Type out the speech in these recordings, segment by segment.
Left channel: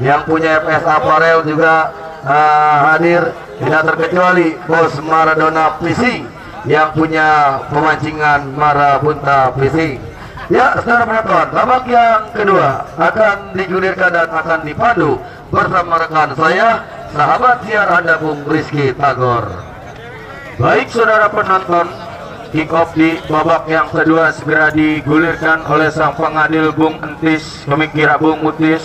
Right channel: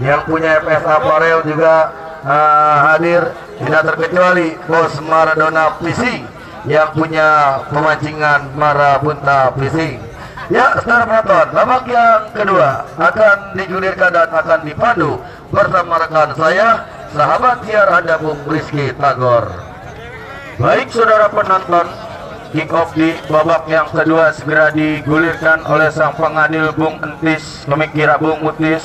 yang punya FS Apparel juga hadir, tidak terkecuali Bos Maradona Fishing yang punya pemancingan Marabunta Fishing. Ya, saudara penonton, babak yang kedua akan digulirkan dan akan dipandu bersama rekan saya, sahabat siar Anda Bung Rizky Tagor. Baik saudara penonton, kick off di babak yang kedua segera digulirkan oleh sang pengadil Bung Entis, pemikir Bung Mutis.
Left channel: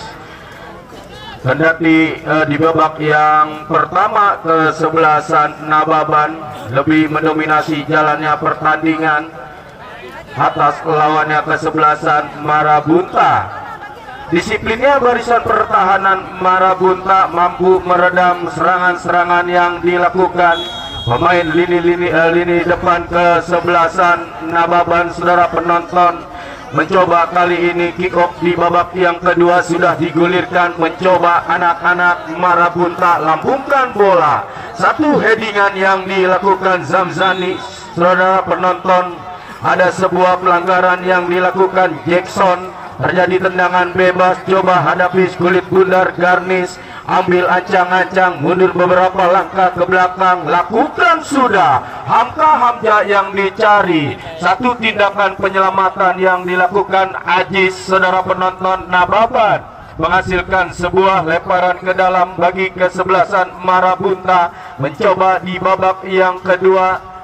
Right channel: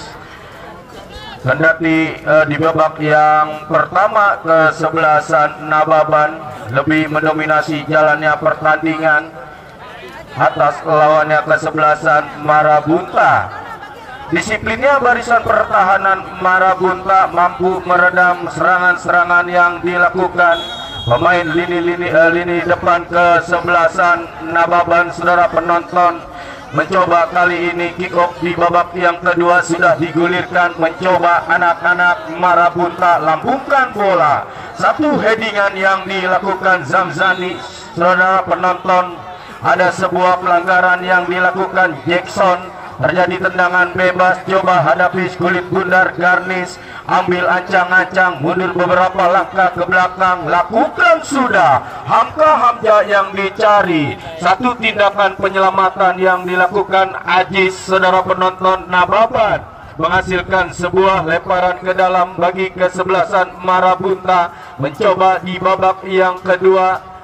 Kendati di babak yang pertama kesebelasan Nababan lebih mendominasi jalannya pertandingan atas lawannya kesebelasan Marabunta. Disiplinnya barisan pertahanan Marabunta mampu meredam serangan-serangan yang dilakukan pemain lini depan kesebelasan Nababan. Saudara penonton, mencoba kali ini kick off di babak yang kedua sudah digulirkan, mencoba anak-anak Marabunta lambungkan bola. Satu headingan yang dilakukan Zamzani. Saudara penonton, ada sebuah pelanggaran yang dilakukan Jackson, terjadi tendangan bebas, coba hadapi kulit bundar Garnis, ambil ancang-ancang, mundur beberapa langkah ke belakang, lakukan sudah Hamka Hamja yang dicari. Satu tindakan penyelamatan yang dilakukan Ajis. Saudara penonton, Nababan menghasilkan sebuah lemparan ke dalam bagi kesebelasan Marabunta. Mencoba di babak yang kedua,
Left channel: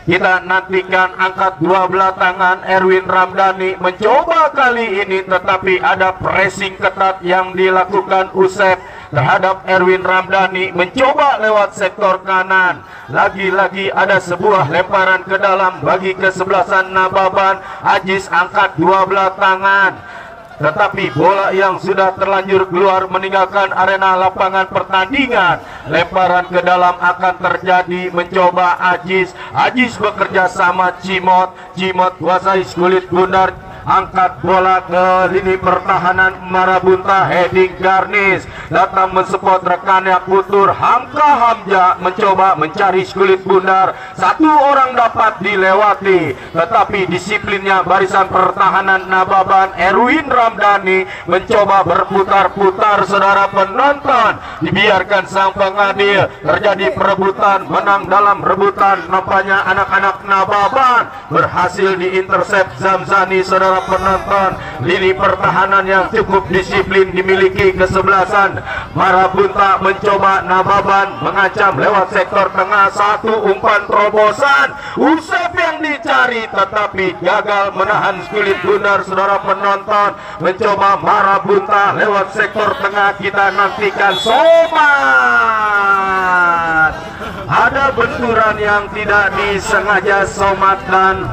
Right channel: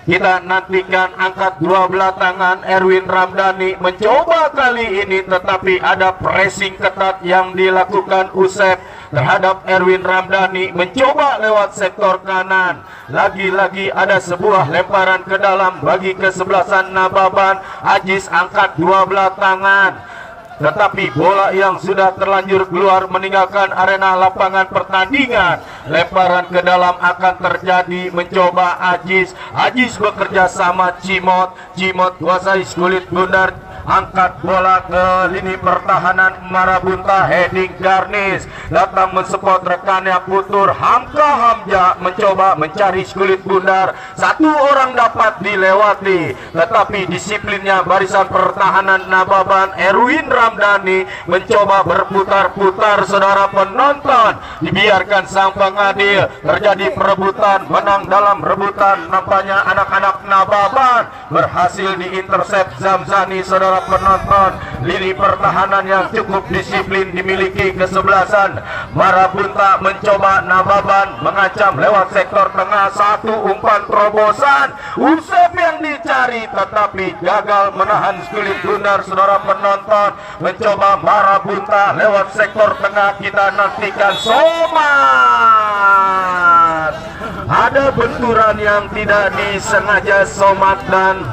kita nantikan angkat dua belah tangan Erwin Ramdhani mencoba kali ini, tetapi ada pressing ketat yang dilakukan Usep terhadap Erwin Ramdhani. Mencoba lewat sektor kanan, lagi-lagi ada sebuah lemparan ke dalam bagi kesebelasan Nababan. Ajis angkat dua belah tangan, tetapi bola yang sudah terlanjur keluar meninggalkan arena lapangan pertandingan. Lemparan ke dalam akan terjadi, mencoba Ajis. Ajis bekerja sama Cimot. Cimot kuasai kulit bundar, angkat bola ke lini pertahanan Marabunta, heading Garnis, datang mensupport rekannya Putur. Hamka Hamja mencoba mencari kulit bundar, satu orang dapat dilewati, tetapi disiplinnya barisan pertahanan Nababan. Erwin Ramdhani mencoba berputar-putar. Saudara penonton, dibiarkan sang pengadil, terjadi perebutan, menang dalam rebutan. Nampaknya anak-anak Nababan berhasil diintercept Zamzani. Saudara penonton, lini pertahanan yang cukup disiplin dimiliki kesebelasan Marabunta. Mencoba Nababan mengancam lewat sektor tengah, satu umpan terobosan Usep yang dicari, tetapi gagal menahan kulit bundar. Saudara penonton, mencoba Marabunta lewat sektor tengah, kita nantikan Somat. Ada benturan yang tidak disengaja Somat dan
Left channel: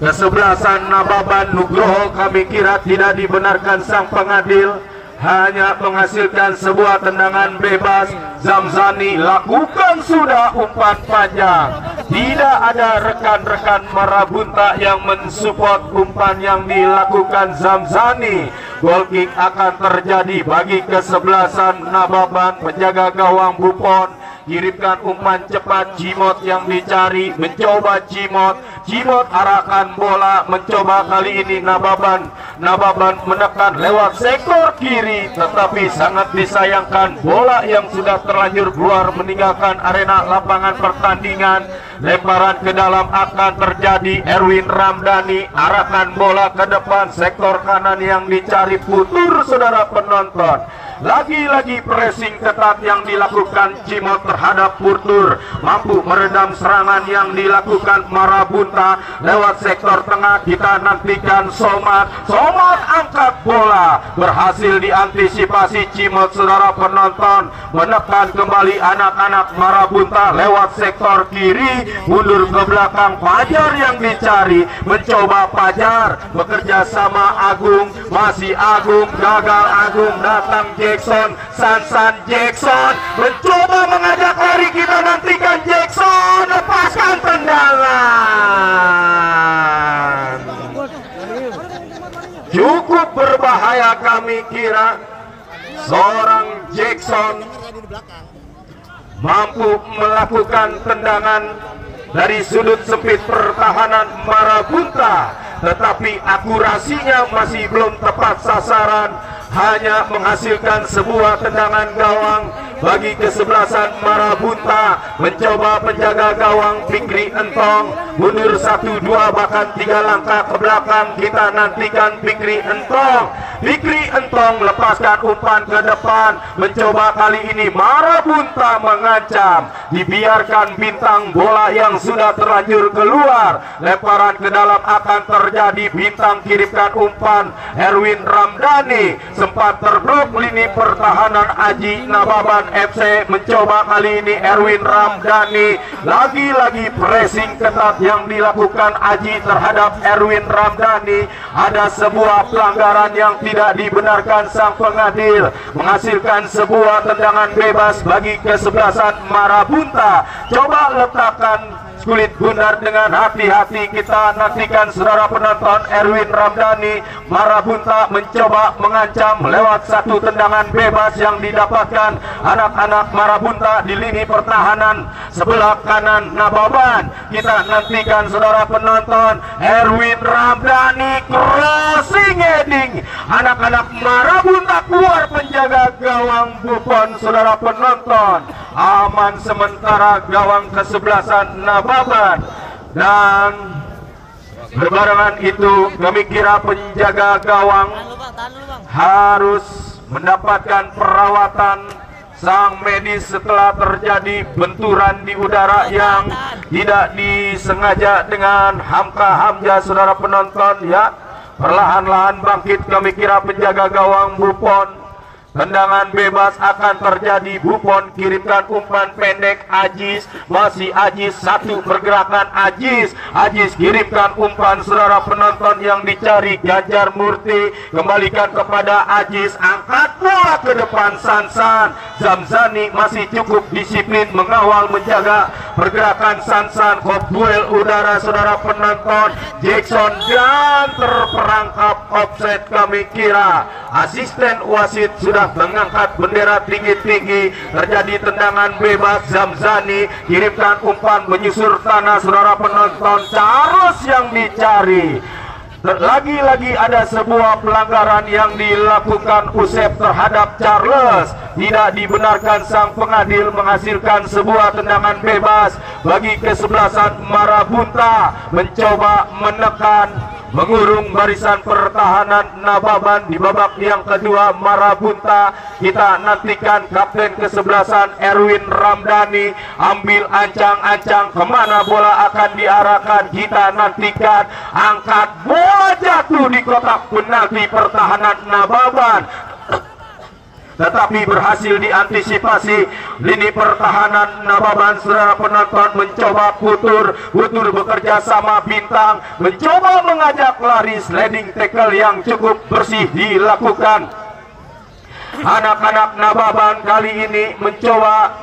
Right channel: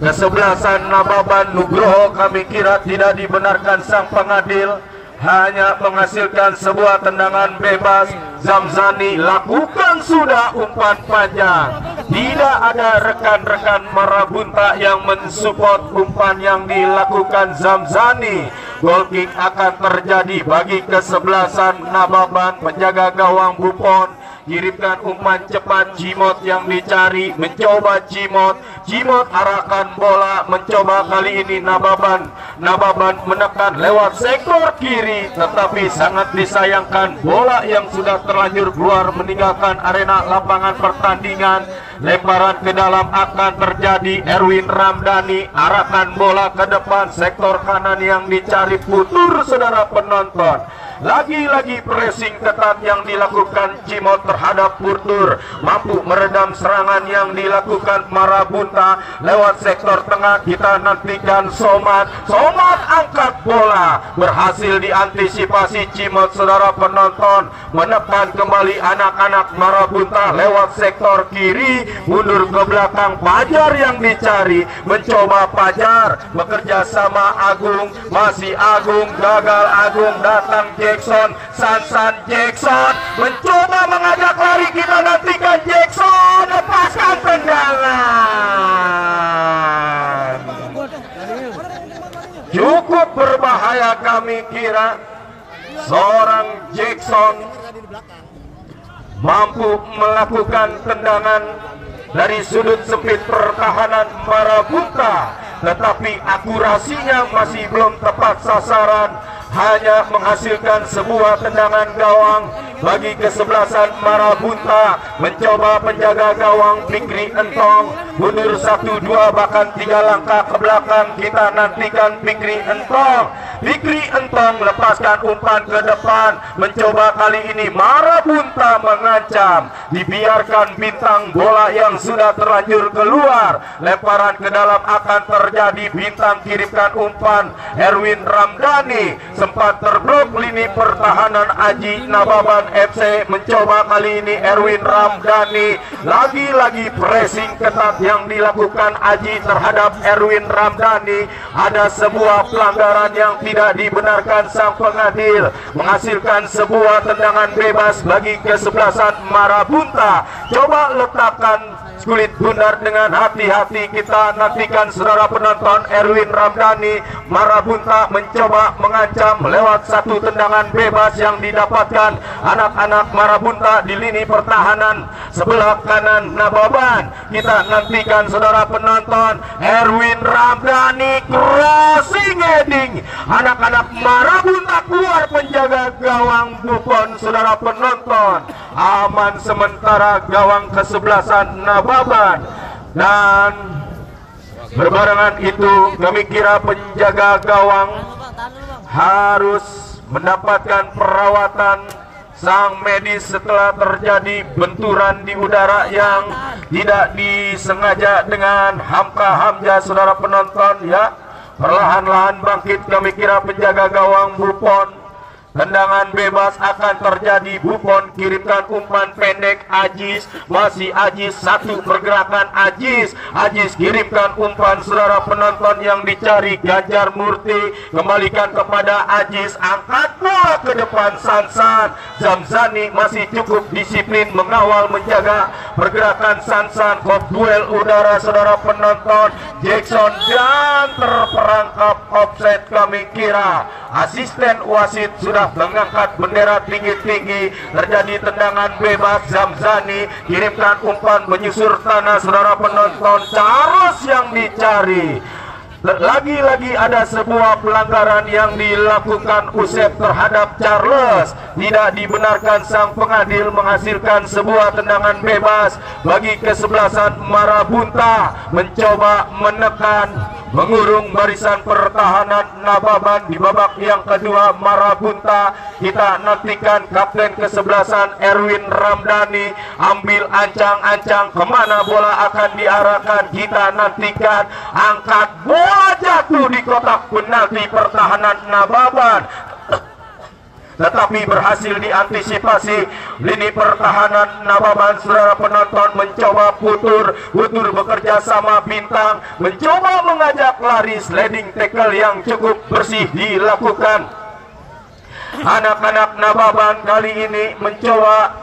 kesebelasan Nababan. Nugroho kami kira tidak dibenarkan sang pengadil, hanya menghasilkan sebuah tendangan bebas. Zamzani lakukan sudah umpan panjang, tidak ada rekan-rekan Marabunta yang mensupport umpan yang dilakukan Zamzani. Goal kick akan terjadi bagi kesebelasan Nababan. Penjaga gawang Buffon kirimkan umpan cepat, Cimot yang dicari, mencoba Cimot arahkan bola, mencoba kali ini Nababan menekan lewat sektor kiri, tetapi sangat disayangkan bola yang sudah terlanjur keluar meninggalkan arena lapangan pertandingan. Lemparan ke dalam akan terjadi, Erwin Ramdhani arahkan bola ke depan, sektor kanan yang dicari Putur. Saudara penonton, lagi-lagi pressing ketat yang dilakukan Cimot terhadap Putur, mampu meredam serangan yang dilakukan Marabunta lewat sektor tengah. Kita nantikan Somat angkat bola, berhasil diantisipasi Cimot. Saudara penonton, menekan kembali anak-anak Marabunta lewat sektor kiri, mundur ke belakang. Fajar yang dicari, mencoba Fajar bekerja sama Agung, masih Agung, gagal Agung, datang Jackson, Sansan Jackson mencoba mengajak lari. Kita nantikan Jackson lepaskan tendangan, cukup berbahaya kami kira. Seorang Jackson mampu melakukan tendangan dari sudut sempit pertahanan Marabunta. tetapi akurasinya masih belum tepat sasaran, hanya menghasilkan sebuah tendangan gawang bagi kesebelasan Marabunta. Mencoba penjaga gawang Fikri Entong mundur 1-2 bahkan 3 langkah ke belakang. Kita nantikan Fikri Entong. Fikri Entong lepaskan umpan ke depan. Mencoba kali ini Marabunta mengancam, dibiarkan bintang bola yang sudah terlanjur keluar. Lemparan ke dalam akan terjadi. Bintang kirimkan umpan. Erwin Ramdhani sempat terblok lini pertahanan Aji Nababan FC. Mencoba kali ini Erwin Ramdhani. Lagi-lagi pressing ketat yang dilakukan Aji terhadap Erwin Ramdhani. Ada sebuah pelanggaran yang tidak dibenarkan sang pengadil, menghasilkan sebuah tendangan bebas bagi kesebelasan Marabunta. Coba letakkan kulit bundar dengan hati-hati. Kita nantikan saudara penonton. Erwin Ramdhani, Marabunta mencoba mengancam lewat satu tendangan bebas yang didapatkan anak-anak Marabunta di lini pertahanan sebelah kanan Nababan. Kita nantikan saudara penonton. Erwin Ramdhani crossing heading. Anak-anak Marabunta keluar, penjaga gawang Buffon. Saudara penonton, aman sementara gawang kesebelasan Nababan. Dan berbarengan itu kami kira penjaga gawang harus mendapatkan perawatan sang medis setelah terjadi benturan di udara yang tidak disengaja dengan Hamka Hamzah. Saudara penonton ya, perlahan-lahan bangkit kami kira penjaga gawang Buffon. Tendangan bebas akan terjadi. Buffon kirimkan umpan pendek. Ajis, masih Ajis, satu pergerakan Ajis. Ajis kirimkan umpan saudara penonton yang dicari Ganjar Murti. Kembalikan kepada Ajis, angkat bola ke depan Sansan. Zamzani masih cukup disiplin mengawal menjaga pergerakan Sansan. Hot duel udara saudara penonton. Jackson dan terperangkap offset kami kira. Asisten wasit sudah mengangkat bendera tinggi-tinggi. Terjadi tendangan bebas. Zamzani kirimkan umpan menyusur tanah saudara penonton. Charles yang dicari. Lagi-lagi ada sebuah pelanggaran yang dilakukan Usep terhadap Charles. Tidak dibenarkan, sang pengadil menghasilkan sebuah tendangan bebas bagi kesebelasan Marabunta. Mencoba menekan, mengurung barisan pertahanan Nababan di babak yang kedua. Marabunta, kita nantikan kapten kesebelasan Erwin Ramdhani ambil ancang-ancang, kemana bola akan diarahkan. Kita nantikan, angkat bola jatuh di kotak penalti pertahanan Nababan, tetapi berhasil diantisipasi lini pertahanan Nababan. Saudara penonton mencoba putur bekerja sama Bintang, mencoba mengajak lari. Sliding tackle yang cukup bersih dilakukan. Anak-anak Nababan kali ini mencoba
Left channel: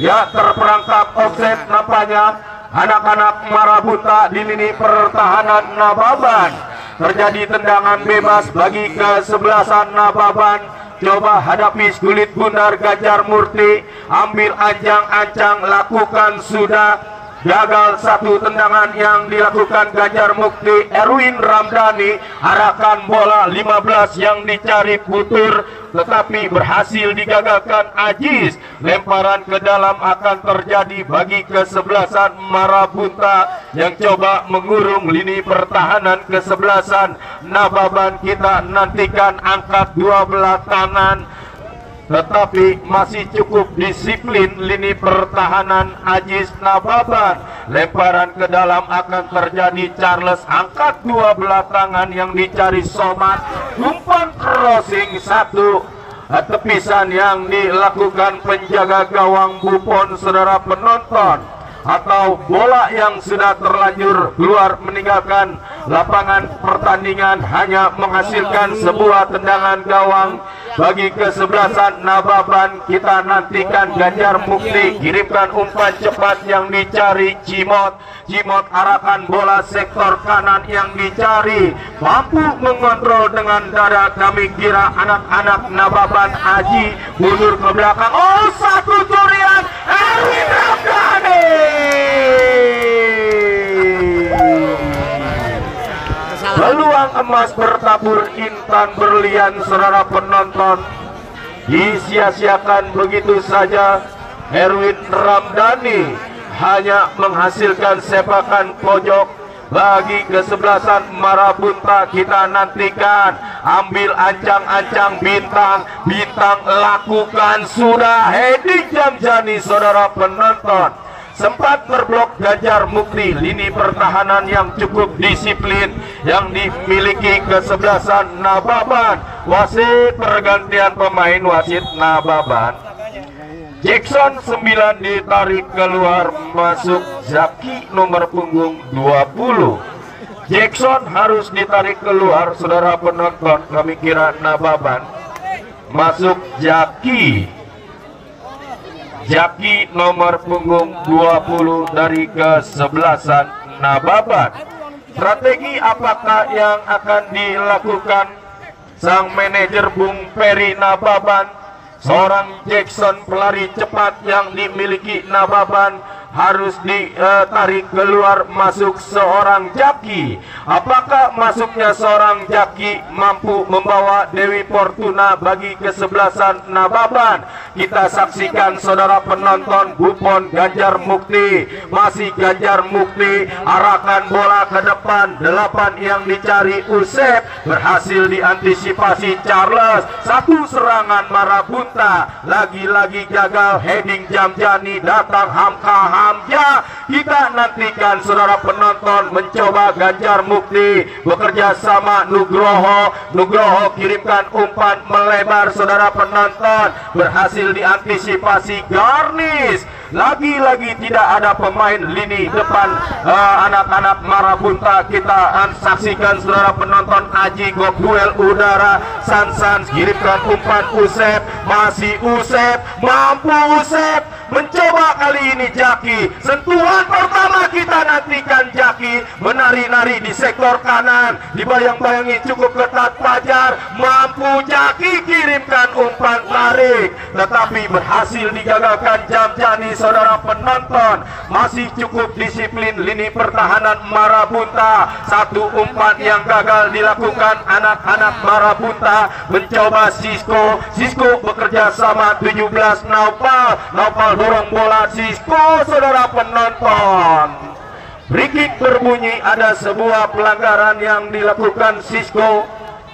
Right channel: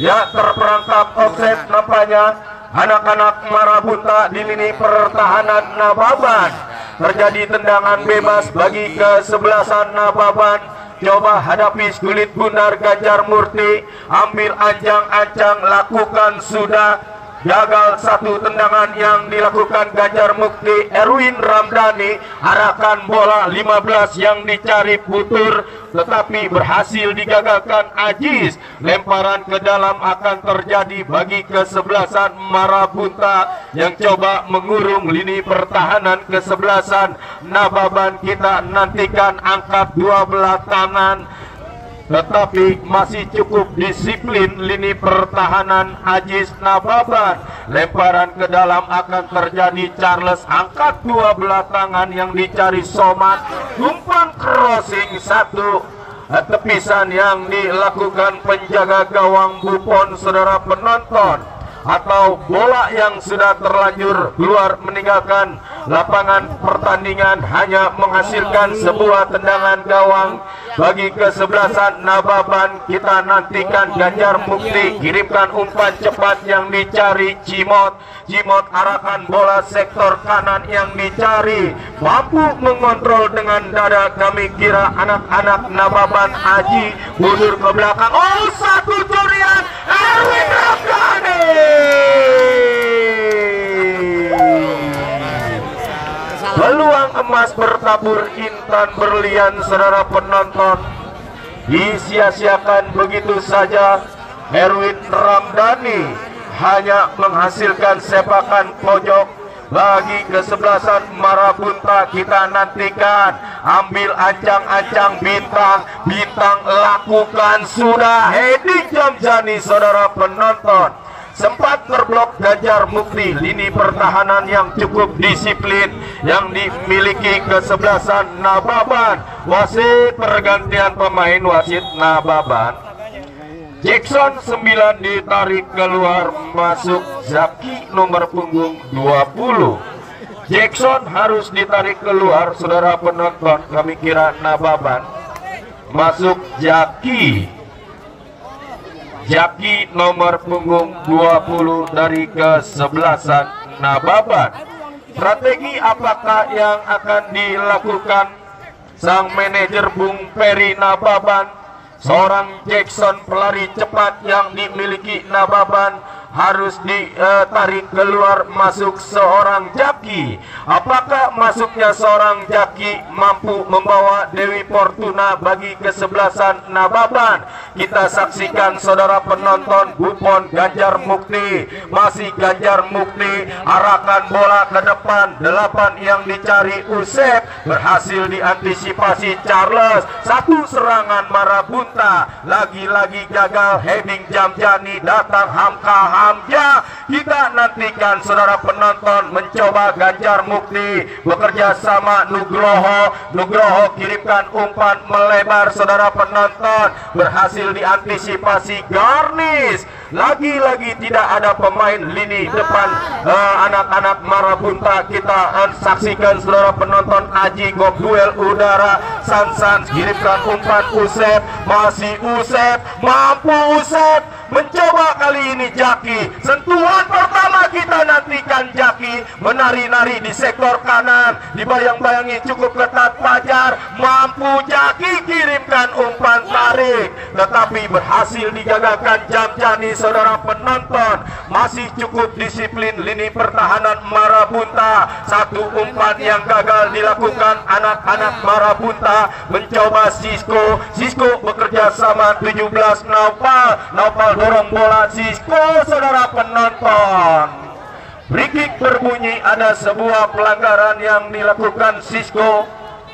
ya terperangkap offset nampaknya. Anak-anak Marabunta di lini pertahanan Nababan. Terjadi tendangan bebas bagi kesebelasan Nababan. Coba hadapi kulit bundar Ganjar Murti, ambil ancang-ancang, lakukan sudah. Gagal satu tendangan yang dilakukan Ganjar Mukti. Erwin Ramdhani arahkan bola 15 yang dicari putur, tetapi berhasil digagalkan Ajis. Lemparan ke dalam akan terjadi bagi kesebelasan Marabunta yang coba mengurung lini pertahanan kesebelasan Nababan. Kita nantikan angkat dua belah tangan, tetapi masih cukup disiplin lini pertahanan Ajis Nababan. Lemparan ke dalam akan terjadi. Charles angkat dua belah tangan yang dicari Somad. Umpan crossing satu tepisan yang dilakukan penjaga gawang Buffon saudara penonton, atau bola yang sudah terlanjur keluar meninggalkan lapangan pertandingan hanya menghasilkan sebuah tendangan gawang bagi kesebelasan Nababan. Kita nantikan Ganjar Mukti kirimkan umpan cepat yang dicari Cimot. Cimot arahkan bola sektor kanan yang dicari, mampu mengontrol dengan dada. Kami kira anak-anak Nababan. Aji mundur ke belakang. Oh, satu curian Erwin Ramdhani. emas bertabur intan berlian, saudara penonton. Disia-siakan begitu saja. Erwin Ramdhani hanya menghasilkan sepakan pojok. Bagi kesebelasan Marabunta kita nantikan. Ambil ancang-ancang bintang. Bintang lakukan sudah. Heading Jamjani, saudara penonton. Sempat terblok Ganjar Mukti. Lini pertahanan yang cukup disiplin yang dimiliki kesebelasan Nababan. Wasit pergantian pemain, wasit Nababan. Jackson 9 ditarik keluar, masuk Zaki nomor punggung 20. Jackson harus ditarik keluar, saudara penonton. Kami kira Nababan. Masuk Jaki. Jaki nomor punggung 20 dari kesebelasan Nababan. Strategi apakah yang akan dilakukan sang manajer Bung Peri Nababan? Seorang Jackson pelari cepat yang dimiliki Nababan harus ditarik keluar, masuk seorang Jaki. Apakah masuknya seorang Jaki mampu membawa Dewi Fortuna bagi kesebelasan Nababan? Kita saksikan, saudara penonton. Buffon Ganjar Mukti, masih Ganjar Mukti, arahkan bola ke depan. 8 yang dicari Usep, berhasil diantisipasi Charles. Satu serangan Marabunta, lagi-lagi gagal. Heading Jamjani, datang Hamka Hamja. Kita nantikan, saudara penonton. Mencoba Ganjar Mukti bekerja sama Nugroho. Nugroho kirimkan umpan melebar, saudara penonton. Berhasil diantisipasi Garnis. Lagi-lagi tidak ada pemain lini depan anak-anak Marabunta. Kita saksikan, saudara penonton. Aji Gobuel udara. Sansan kirimkan umpan Usep. Masih Usep, mampu Usep. Mencoba kali ini Jaki. Sentuhan pertama kita nantikan Jaki. Menari-nari di sektor kanan. Dibayang-bayangi cukup ketat Fajar. Mampu Jaki kirimkan umpan tarik. Tetapi berhasil digagalkan Jamjani, saudara penonton. Masih cukup disiplin lini pertahanan Marabunta. Satu umpan yang gagal dilakukan anak-anak Marabunta. Mencoba Sisko. Sisko bekerja sama 17 Nopal. Nopal dorong bola Sisko, saudara penonton. Free kick berbunyi, ada sebuah pelanggaran yang dilakukan Sisko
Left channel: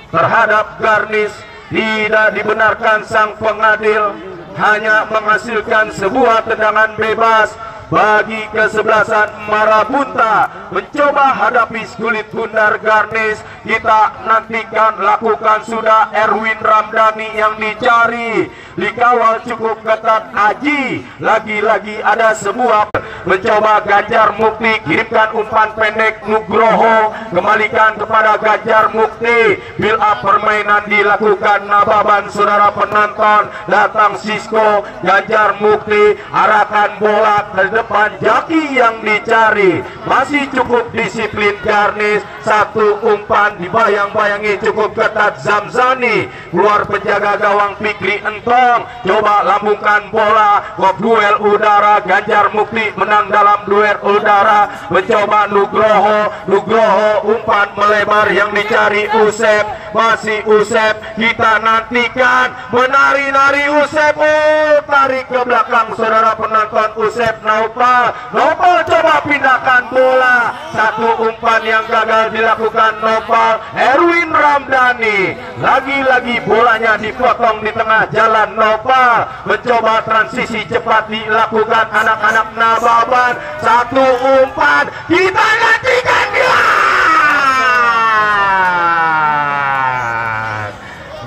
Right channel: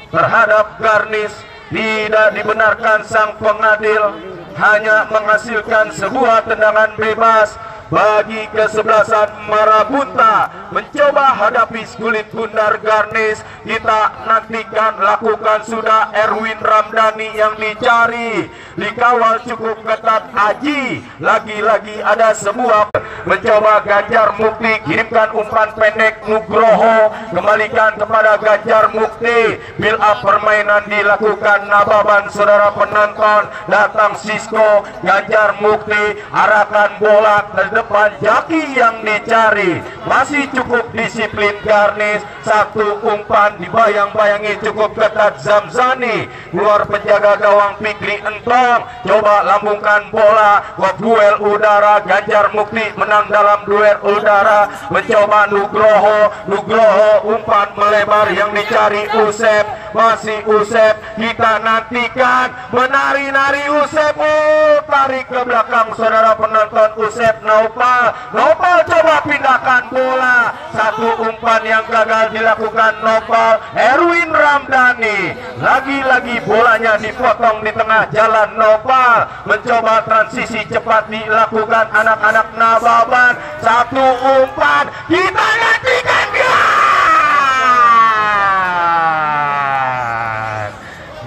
terhadap Garnis. Tidak dibenarkan sang pengadil, hanya menghasilkan sebuah tendangan bebas bagi kesebelasan Marabunta. Mencoba hadapi kulit bundar Garnis. Kita nantikan, lakukan sudah Erwin Ramdhani yang dicari. Dikawal cukup ketat Aji. Lagi-lagi ada sebuah. Mencoba Ganjar Mukti, kirimkan umpan pendek Nugroho. Kembalikan kepada Ganjar Mukti. Build up permainan dilakukan Nababan, saudara penonton. Datang Sisko, Ganjar Mukti, arahkan bola ke depan. Jaki yang dicari. Masih cukup disiplin Garnis. Satu umpan dibayang-bayangi cukup ketat Zamzani. Luar penjaga gawang Fikri Entong. Coba lambungkan bola. Duel udara. Ganjar Mukti menang dalam duel udara. Mencoba Nugroho. Nugroho umpan melebar yang dicari Usep. Masih Usep. Kita nantikan. Menari-nari Usep. Oh, tarik ke belakang, saudara penonton. Usep Nopal. Nopal coba pindahkan bola. Satu umpan yang gagal dilakukan Nopal. Erwin Ramdhani. Lagi-lagi bolanya dipotong di tengah jalan. Nopal mencoba transisi cepat dilakukan anak-anak Nababan. Satu umpan. Kita nantikan.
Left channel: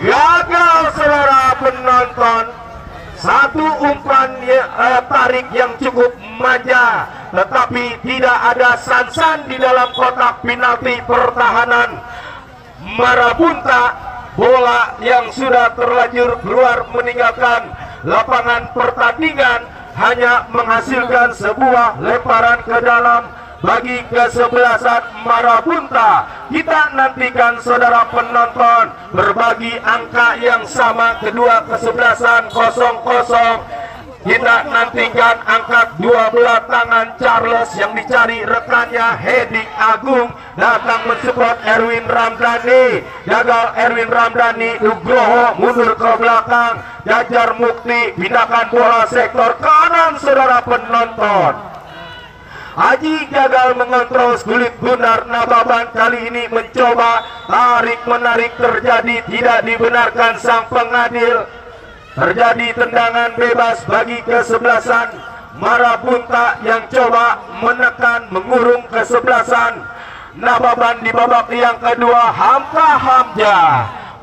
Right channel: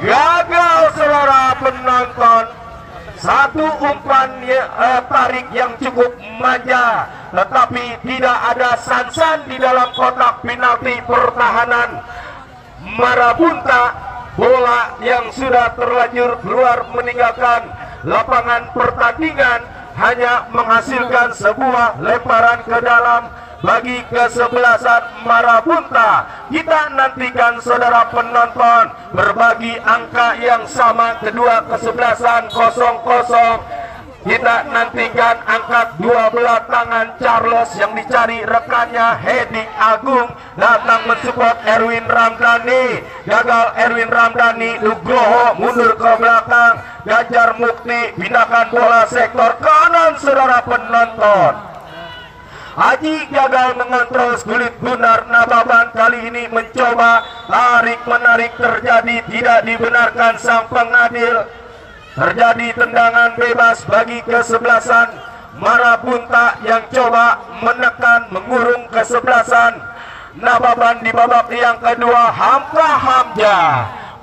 Gagal, saudara penonton. Satu umpan tarik yang cukup manja, tetapi tidak ada Sansan di dalam kotak penalti pertahanan Marabunta. Bola yang sudah terlanjur keluar meninggalkan lapangan pertandingan hanya menghasilkan sebuah lemparan ke dalam bagi kesebelasan Marabunta. Kita nantikan, saudara penonton, berbagi angka yang sama kedua kesebelasan 0-0. Kita nantikan angkat dua belah tangan Charles yang dicari rekannya Hedik Agung, datang mensupport Erwin Ramdhani. Gagal Erwin Ramdhani, Nugroho mundur ke belakang. Ganjar Mukti pindahkan bola sektor kanan saudara penonton. Haji gagal mengontrol Kulit Bundar. Nababan kali ini mencoba tarik menarik terjadi, tidak dibenarkan sang pengadil. Terjadi tendangan bebas bagi kesebelasan Marabunta yang coba menekan mengurung kesebelasan Nababan di babak yang kedua. Hamka Hamja,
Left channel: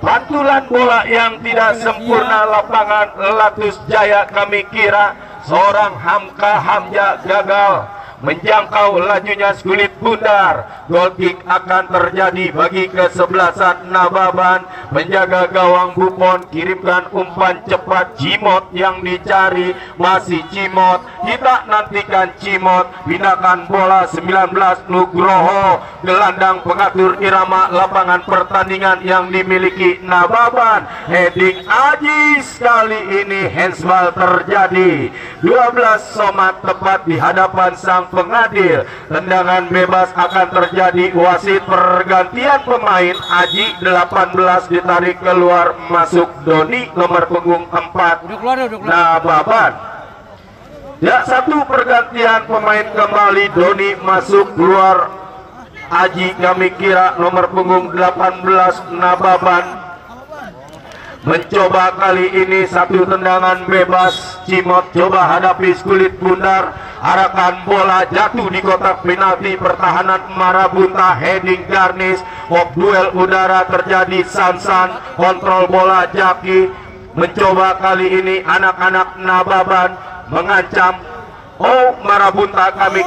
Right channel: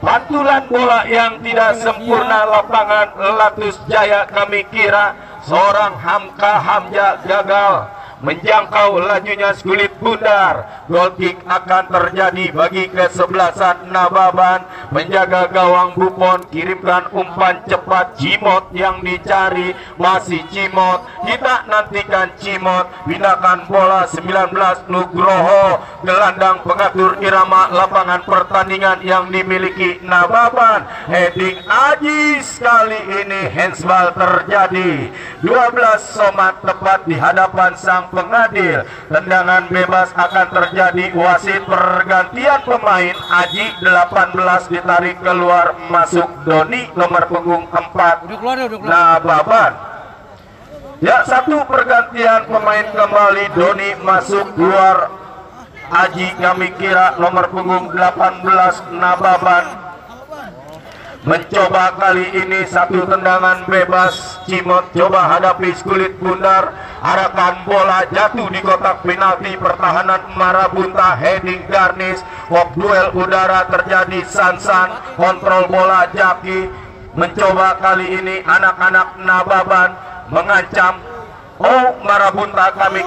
pantulan bola yang tidak sempurna lapangan Latus Jaya. Kami kira seorang Hamka Hamja gagal menjangkau lajunya Kulit Bundar. Goal kick akan terjadi bagi kesebelasan Nababan. Penjaga gawang Buffon kirimkan umpan cepat. Cimot yang dicari, masih Cimot. Kita nantikan Cimot, pindahkan bola 19 Nugroho, gelandang pengatur irama lapangan pertandingan yang dimiliki Nababan. Heading Ajis, kali ini handsball terjadi. 12 Somad tepat di hadapan sang pengadil. Tendangan bebas akan terjadi. Wasit pergantian pemain. Aji 18 ditarik keluar, masuk Doni nomor punggung 4 Nababan. Ya, satu pergantian pemain kembali. Doni masuk, keluar Aji kami kira nomor punggung 18 Nababan. Mencoba kali ini satu tendangan bebas. Cimot coba hadapi Kulit Bundar. Arahkan bola jatuh di kotak penalti pertahanan Marabunta. Heading Garnis. Walk duel udara terjadi. Sansan kontrol bola Jaki. Mencoba kali ini anak-anak Nababan mengancam. Oh, Marabunta kami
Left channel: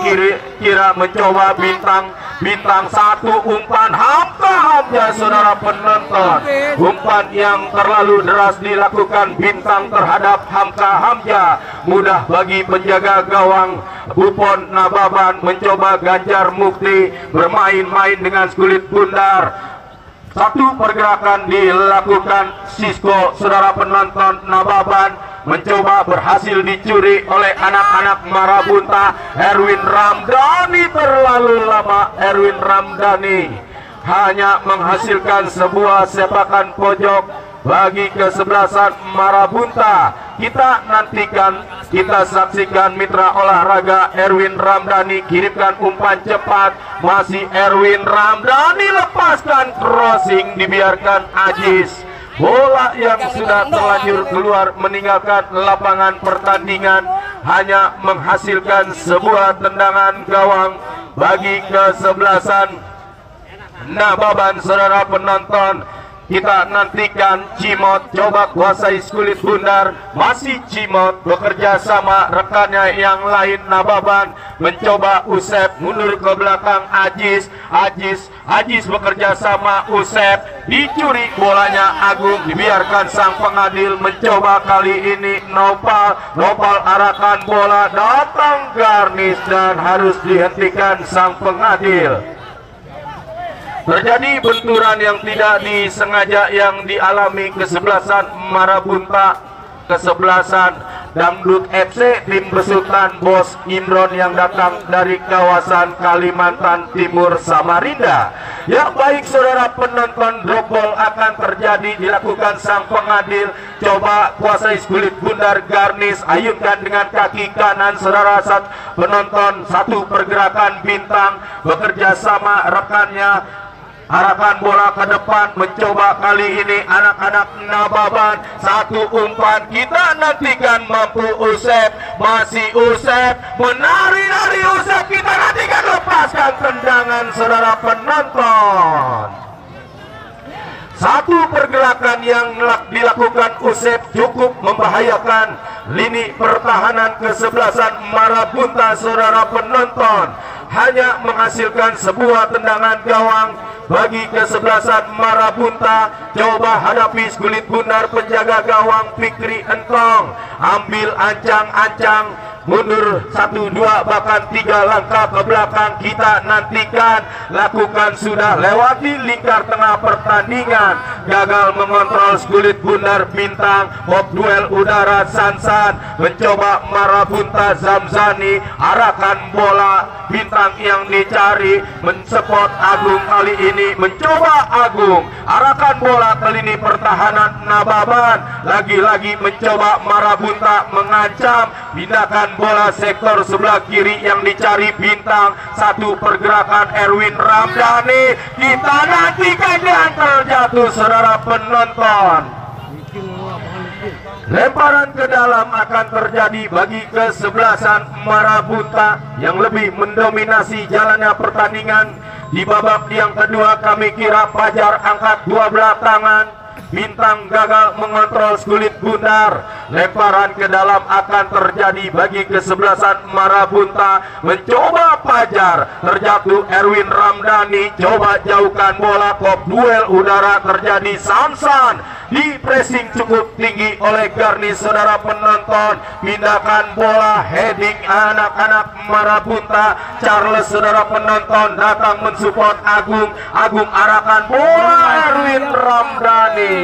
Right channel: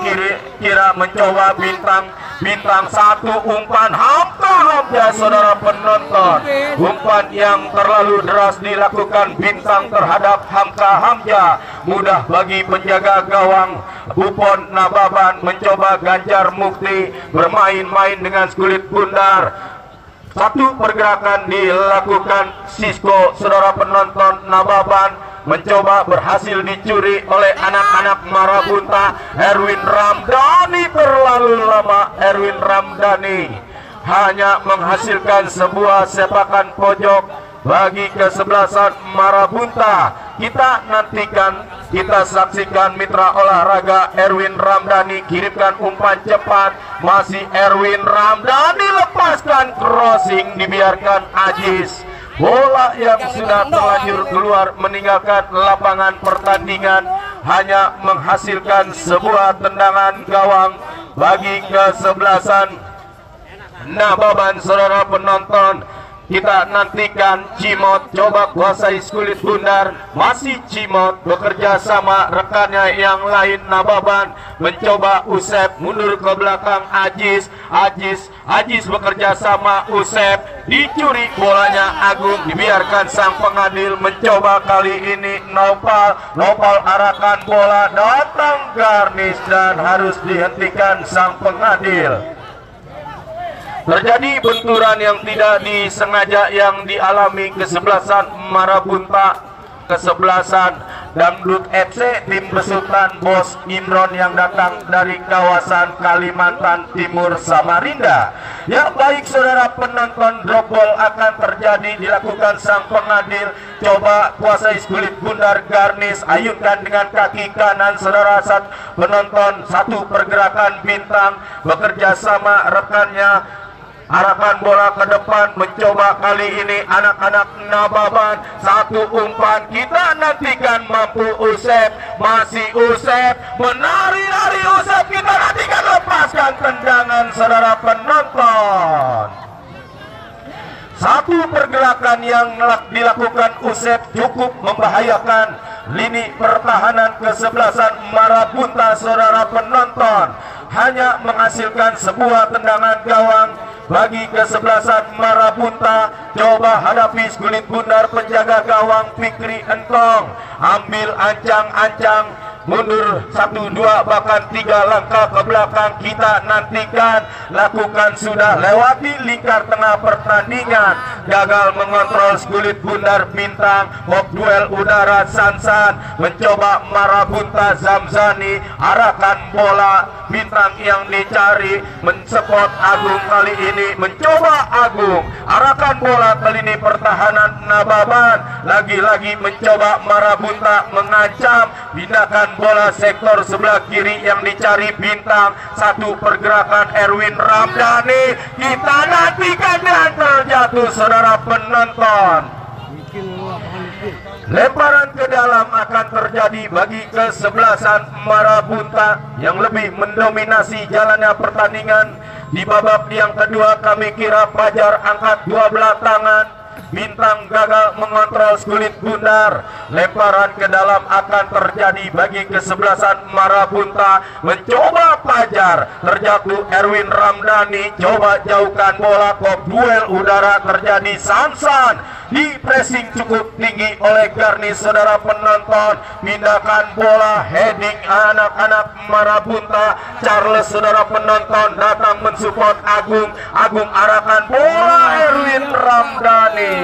kira mencoba bintang satu umpan Hamka Hamja saudara penonton. Umpan yang terlalu deras dilakukan bintang terhadap Hamka Hamja. Mudah bagi penjaga gawang Buffon Nababan. Mencoba Ganjar Mukti bermain-main dengan Kulit Bundar. Satu pergerakan dilakukan Sisko saudara penonton. Nababan mencoba berhasil dicuri oleh anak-anak Marabunta. Erwin Ramdhani terlalu lama. Erwin Ramdhani hanya menghasilkan sebuah sepakan pojok bagi kesebelasan Marabunta. Kita nantikan, kita saksikan mitra olahraga Erwin Ramdhani kirimkan umpan cepat. Masih Erwin Ramdhani, lepaskan crossing, dibiarkan Ajis. Bola yang sudah terlanjur keluar meninggalkan lapangan pertandingan hanya menghasilkan sebuah tendangan gawang bagi kesebelasan Nababan saudara penonton. Kita nantikan Cimot coba kuasai Kulit Bundar. Masih Cimot bekerja sama rekannya yang lain Nababan. Mencoba Usep mundur ke belakang Ajis. Ajis bekerja sama Usep. Dicuri bolanya Agung, dibiarkan sang pengadil. Mencoba kali ini Nopal arahkan bola, datang Garnis dan harus dihentikan sang pengadil. Terjadi benturan yang tidak disengaja yang dialami kesebelasan Marabunta. Kesebelasan Dangdut FC tim besutan Bos Imron yang datang dari kawasan Kalimantan Timur Samarinda. Yang baik saudara penonton, drop ball akan terjadi, dilakukan sang pengadil. Coba kuasai Kulit Bundar. Garnis ayunkan dengan kaki kanan saudara penonton. Satu pergerakan bintang bekerja sama rekannya. Arahkan bola ke depan. Mencoba kali ini anak-anak Nababan. Satu umpan, kita nantikan mampu Usep. Masih Usep, menari-nari Usep. Kita nantikan, lepaskan tendangan saudara penonton. Satu pergerakan yang dilakukan Usep cukup membahayakan lini pertahanan kesebelasan Marabunta saudara penonton. Hanya menghasilkan sebuah tendangan gawang bagi kesebelasan Marabunta. Coba hadapi Kulit Bundar. Penjaga gawang Fikri Entong ambil ancang-ancang mundur 1, 2 bahkan 3 langkah ke belakang. Kita nantikan, lakukan sudah lewati lingkar tengah pertandingan, gagal mengontrol Skulit Bundar Bintang. Bob duel udara Sansan mencoba Marabunta Zamzani, arahkan bola Bintang yang dicari, mensupport Agung kali ini, mencoba Agung, arahkan bola ke lini pertahanan Nababan, lagi-lagi mencoba Marabunta mengancam, pindahkan bola sektor sebelah kiri yang dicari Bintang. Satu pergerakan Erwin Ramdhani, kita nantikan dan terjatuh saudara penonton. Lemparan ke dalam akan terjadi bagi kesebelasan Marabunta yang lebih mendominasi jalannya pertandingan. Di babak yang kedua kami kira Fajar angkat 12 tangan, Bintang gagal mengontrol Skulit Bundar. Lemparan ke dalam akan terjadi bagi kesebelasan Marabunta. Mencoba Fajar, terjatuh Erwin Ramdhani, coba jauhkan bola. Kop duel udara terjadi. Sansan di pressing cukup tinggi oleh Garnis saudara penonton. Pindahkan bola, heading anak-anak Marabunta. Charles saudara penonton datang mensupport Agung. Agung arahkan bola Erwin Ramdhani.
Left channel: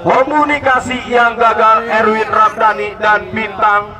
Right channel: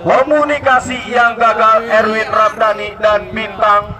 Komunikasi yang gagal Erwin Ramdhani dan Bintang.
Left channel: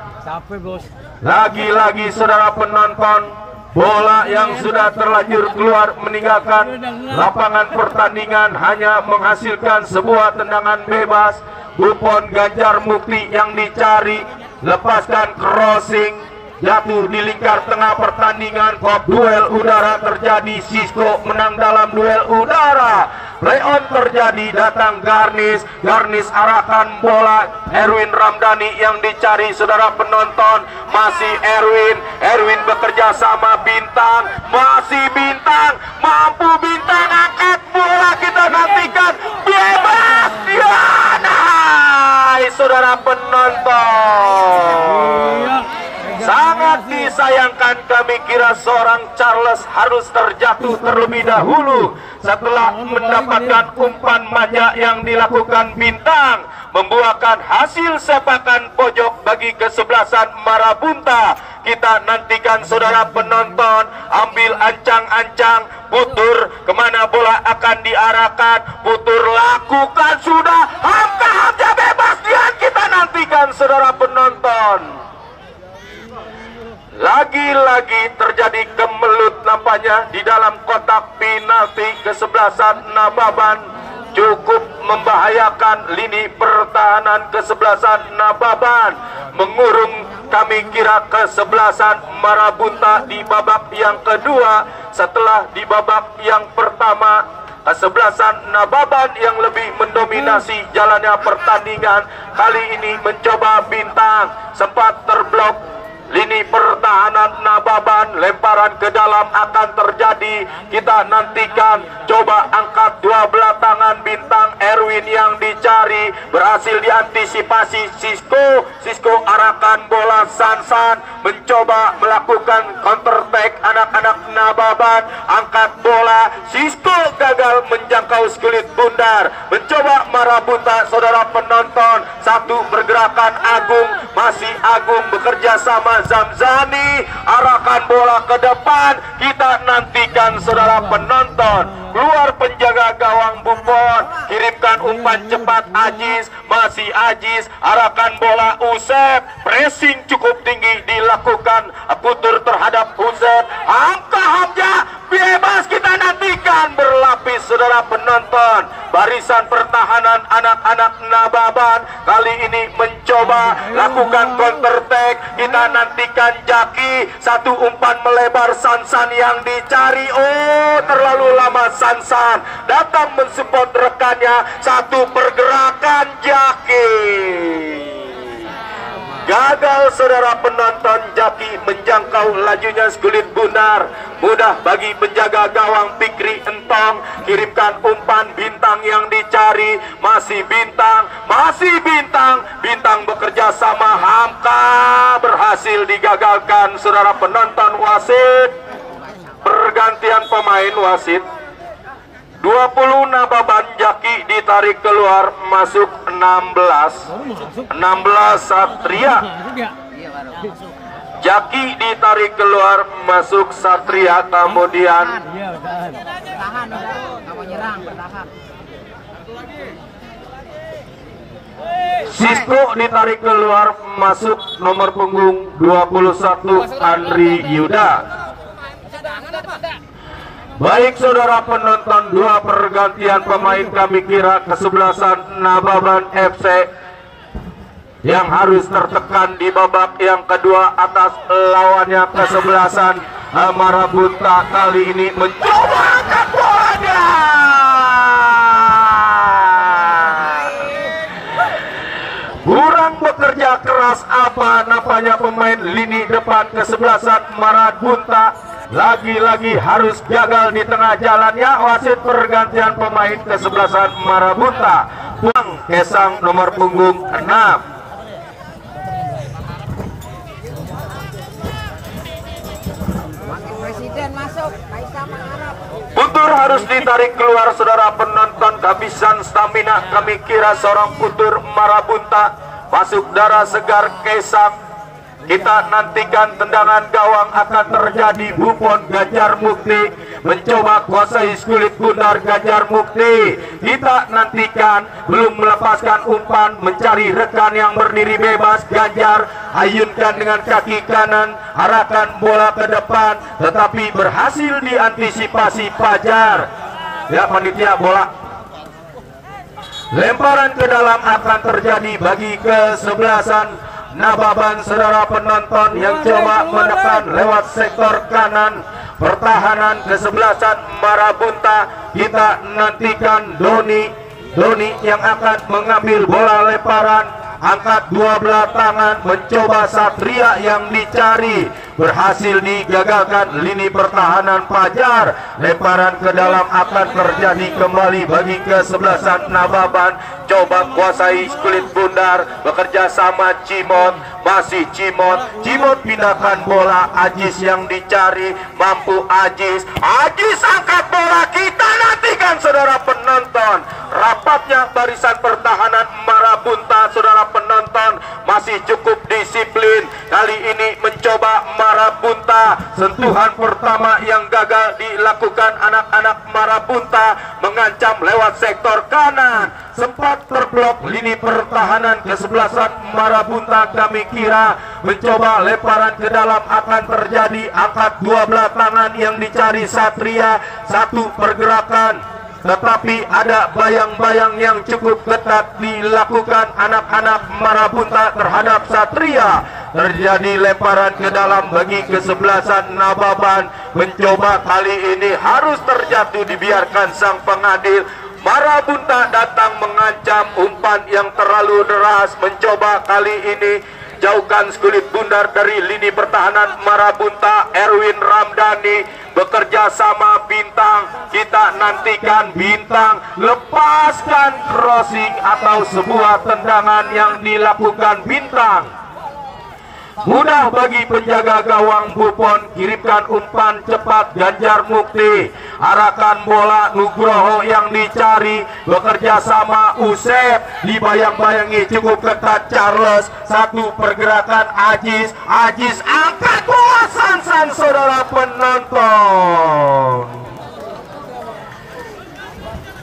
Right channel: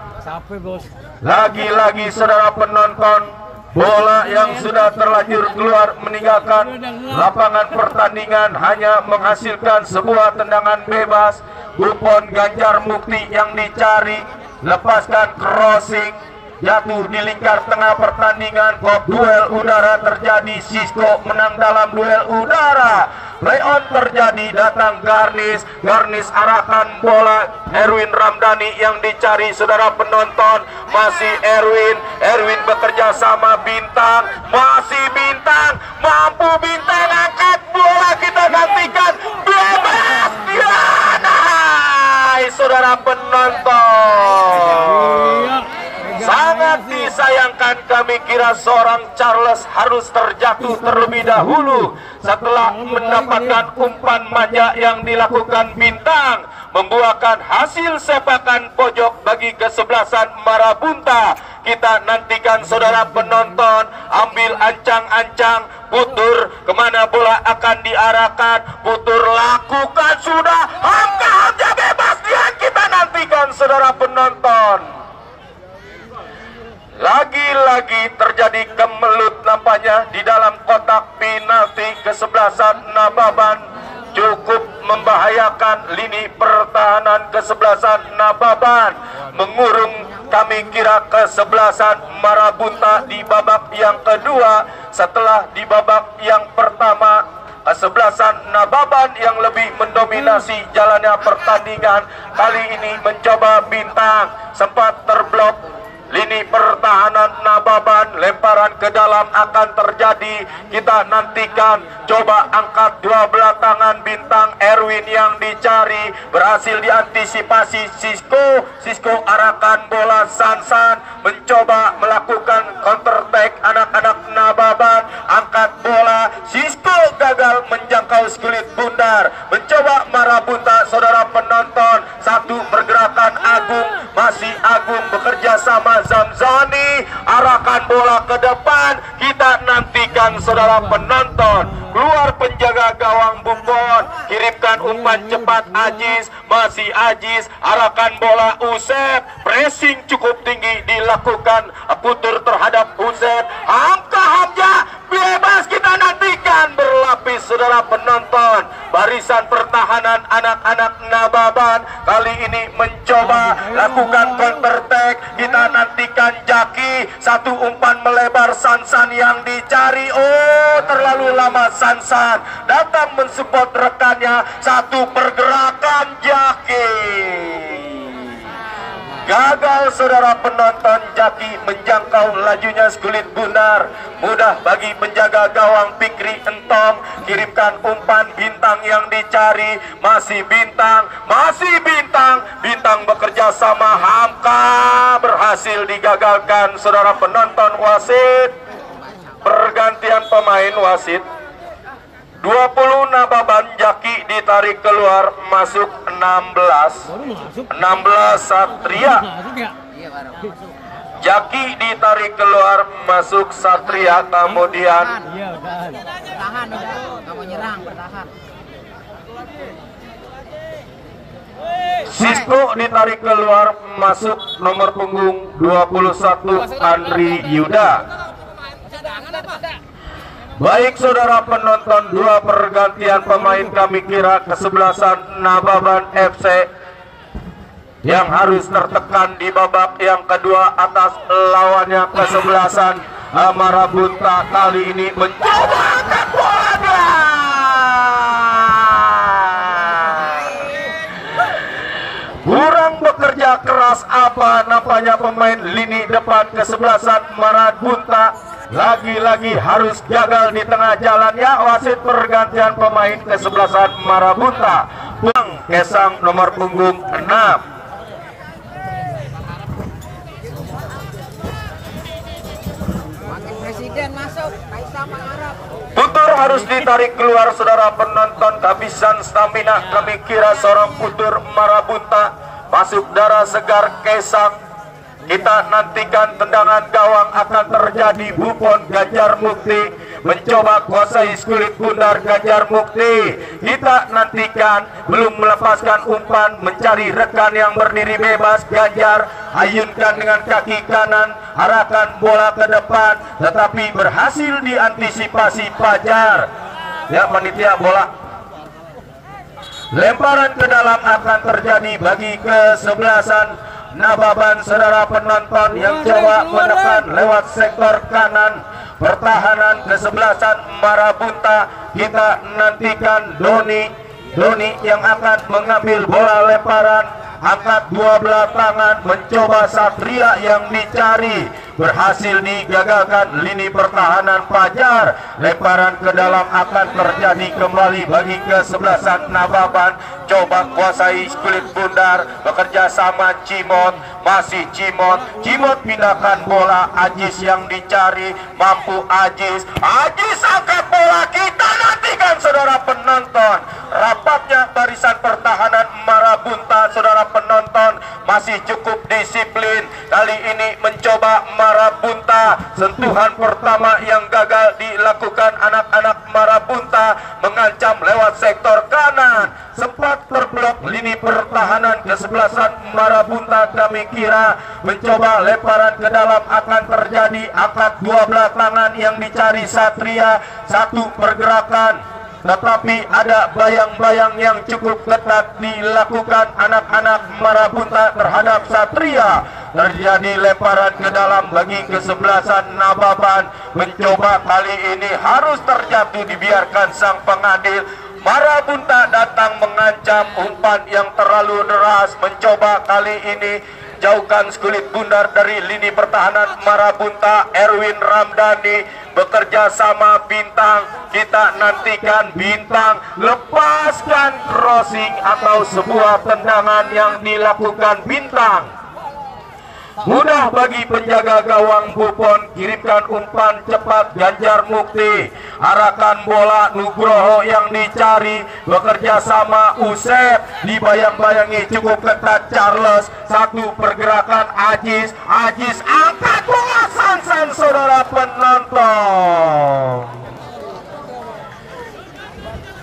Lagi-lagi saudara penonton, bola yang sudah terlanjur keluar meninggalkan lapangan pertandingan hanya menghasilkan sebuah tendangan bebas. Buffon Ganjar Mukti yang dicari, lepaskan crossing, jatuh di lingkar tengah pertandingan. Kop duel udara terjadi, Sisko menang dalam duel udara. Play-on terjadi, datang Garnis. Garnis arahkan bola Erwin Ramdhani yang dicari saudara penonton. Masih Erwin bekerja sama Bintang. Masih Bintang, mampu Bintang angkat bola, kita nantikan bebas. Hai saudara penonton, sangat disayangkan, kami kira seorang Charles harus terjatuh terlebih dahulu setelah mendapatkan umpan manja yang dilakukan Bintang, membuahkan hasil sepakan pojok bagi kesebelasan Marabunta. Kita nantikan saudara penonton, ambil ancang-ancang, Putur kemana bola akan diarahkan. Putur lakukan sudah, Hamka bebas, dan kita nantikan saudara penonton. Lagi-lagi terjadi kemelut nampaknya di dalam kotak penalti kesebelasan Nababan, cukup membahayakan lini pertahanan kesebelasan Nababan, mengurung kami kira kesebelasan Marabunta di babak yang kedua. Setelah di babak yang pertama kesebelasan Nababan yang lebih mendominasi jalannya pertandingan, kali ini mencoba Bintang, sempat terblok lini pertahanan Nababan. Lemparan ke dalam akan terjadi, kita nantikan, coba angkat 12 tangan Bintang. Erwin yang dicari, berhasil diantisipasi Sisko arahkan bola. Sansan mencoba melakukan counter attack anak-anak Nababan, angkat bola. Sisko gagal menjangkau Skulit Bundar, mencoba Marabunta saudara penonton. Satu pergerakan Agung, masih Agung bekerja sama Zamzani, arahkan bola ke depan, kita nantikan saudara penonton. Keluar penjaga gawang Buffon, kirimkan umpan cepat Aziz, masih Aziz, arahkan bola Usep, pressing cukup tinggi dilakukan Putur terhadap Usep. Hamka Hamja bebas, kita nantikan berlapis saudara penonton. Barisan pertahanan anak-anak Nababan kali ini mencoba lakukan counter attack, kita nantikan Jaki, satu umpan melebar. Sansan yang dicari, oh terlalu lama. Sansan datang mensupport rekannya, satu pergerakan Jaki gagal saudara penonton. Jaki menjangkau lajunya Skulit Bundar, mudah bagi penjaga gawang Fikri Entong, kirimkan umpan. Bintang yang dicari, masih Bintang, Bintang bekerja sama Hamka, berhasil digagalkan saudara penonton. Wasit, pergantian pemain wasit. 20 Nababan, Jaki ditarik keluar, masuk 16 Satria. Jaki ditarik keluar, masuk Satria. Kemudian Sisko ditarik keluar, masuk nomor punggung 21 Andri Yuda. Baik saudara penonton, dua pergantian pemain kami kira kesebelasan Nababan FC yang harus tertekan di babak yang kedua atas lawannya kesebelasan Marabunta. Kali ini mencoba angkat bolanya, kurang bekerja keras apa nampaknya pemain lini depan kesebelasan Marabunta. Lagi-lagi harus gagal di tengah jalannya. Wasit pergantian pemain kesebelasan Marabunta, Bang Kesang nomor punggung 6. Putur harus ditarik keluar saudara penonton. Kehabisan stamina kami kira seorang putur Marabunta. Masuk darah segar Kesang. Kita nantikan tendangan gawang akan terjadi. Buffon Ganjar Mukti mencoba kuasai kulit bundar Ganjar Mukti. Kita nantikan, belum melepaskan umpan, mencari rekan yang berdiri bebas. Ganjar ayunkan dengan kaki kanan, arahkan bola ke depan, tetapi berhasil diantisipasi Fajar. Ya panitia, bola lemparan ke dalam akan terjadi bagi kesebelasan Nababan. Saudara penonton yang coba menekan lewat sektor kanan pertahanan kesebelasan Marabunta. Kita nantikan Doni yang akan mengambil bola lemparan, angkat dua belah tangan, mencoba Satria yang dicari, berhasil digagalkan lini pertahanan Fajar. Lemparan ke dalam akan terjadi kembali bagi kesebelasan Nababan. Coba kuasai kulit bundar, bekerja sama Cimot, masih Cimot pindahkan bola. Ajis yang dicari, mampu Ajis angkat bola. Kita nantikan saudara penonton, rapatnya barisan pertahanan Marabunta. Saudara penonton masih cukup disiplin. Kali ini mencoba Marabunta, sentuhan pertama yang gagal dilakukan anak-anak Marabunta, mengancam lewat sektor kanan, sempat terblok lini pertahanan kesebelasan Marabunta. Kami kira mencoba lemparan ke dalam akan terjadi, angkat dua belah tangan yang dicari Satria, satu pergerakan, tetapi ada bayang-bayang yang cukup ketat dilakukan anak-anak Marabunta terhadap Satria. Terjadi lemparan ke dalam bagi kesebelasan Nababan. Mencoba kali ini harus terjatuh, dibiarkan sang pengadil. Marabunta datang mengancam, umpan yang terlalu deras. Mencoba kali ini jauhkan kulit bundar dari lini pertahanan Marabunta. Erwin Ramdhani bekerja sama Bintang. Kita nantikan Bintang lepaskan crossing atau sebuah tendangan yang dilakukan Bintang. Mudah bagi penjaga gawang Buffon, kirimkan umpan cepat Ganjar Mukti, arahkan bola Nugroho yang dicari, bekerja sama Usep, dibayang-bayangi cukup ketat Charles, satu pergerakan Ajis angkat bola Sansan. Saudara penonton,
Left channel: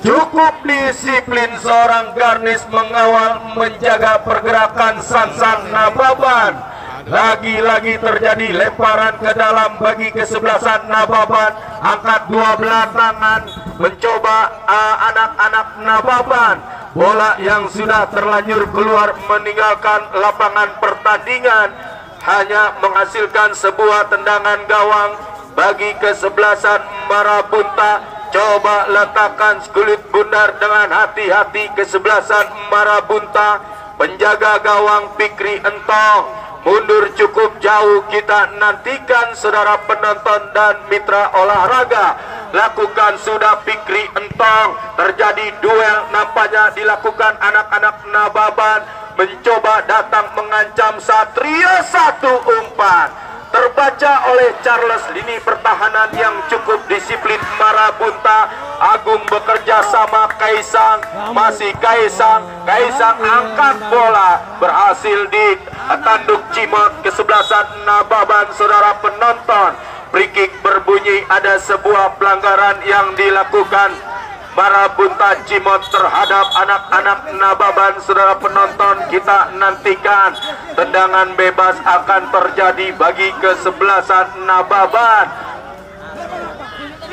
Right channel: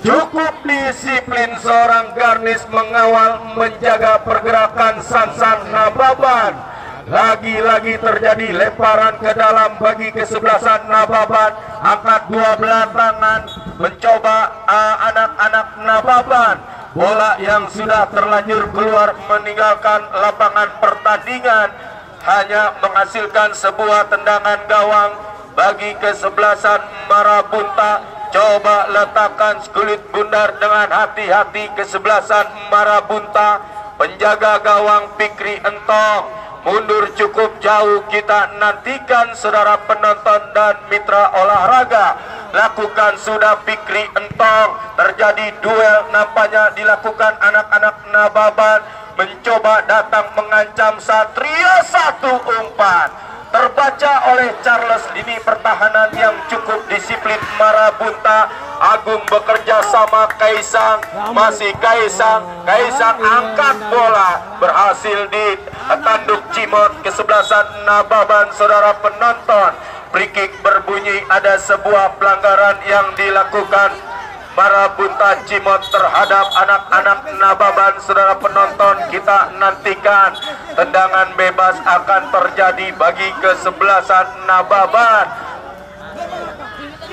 cukup disiplin seorang Garnis mengawal menjaga pergerakan Sansan Nababan. Lagi-lagi terjadi lemparan ke dalam bagi kesebelasan Nababan, angkat dua belah tangan, mencoba anak-anak Nababan. Bola yang sudah terlanjur keluar meninggalkan lapangan pertandingan, hanya menghasilkan sebuah tendangan gawang bagi kesebelasan Marabunta. Coba letakkan kulit bundar dengan hati-hati kesebelasan Marabunta. Penjaga gawang Fikri Entong mundur cukup jauh. Kita nantikan saudara penonton dan mitra olahraga. Lakukan sudah Fikri Entong. Terjadi duel nampaknya dilakukan anak-anak Nababan. Mencoba datang mengancam Satria, satu umpan terbaca oleh Charles, lini pertahanan yang cukup disiplin Marabunta. Agung bekerja sama Kaisang, masih Kaisang angkat bola, berhasil ditanduk Cimot kesebelasan Nababan. Saudara penonton, free kick berbunyi, ada sebuah pelanggaran yang dilakukan Marabunta Cimot terhadap anak-anak Nababan. Saudara penonton, kita nantikan tendangan bebas akan terjadi bagi kesebelasan Nababan.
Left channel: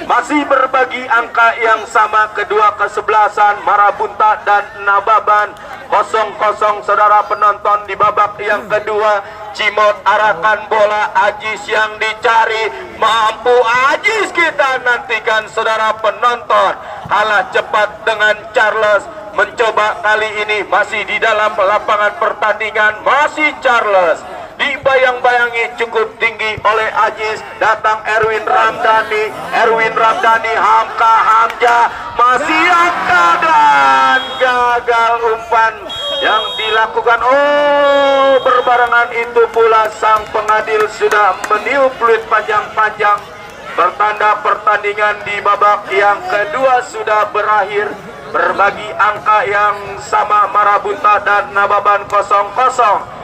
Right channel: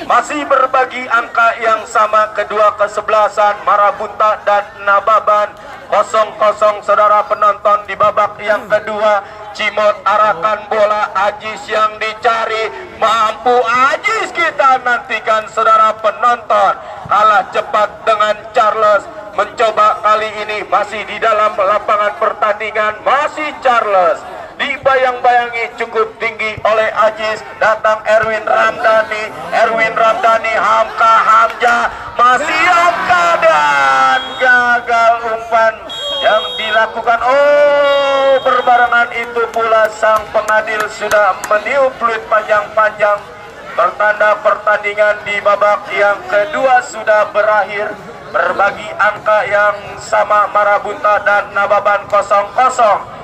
Masih berbagi angka yang sama kedua kesebelasan Marabunta dan Nababan, 0-0. Saudara penonton, di babak yang kedua Cimot arahkan bola, Ajis yang dicari, mampu Ajis, kita nantikan saudara penonton. Kalah cepat dengan Charles, mencoba kali ini masih di dalam lapangan pertandingan, masih Charles dibayang-bayangi cukup tinggi oleh Ajis. Datang Erwin Ramdhani, Hamka, masih Hamka, dan gagal umpan yang dilakukan. Berbarengan itu pula sang pengadil sudah meniup peluit panjang-panjang, bertanda pertandingan di babak yang kedua sudah berakhir. Berbagi angka yang sama Marabunta dan Nababan 0-0.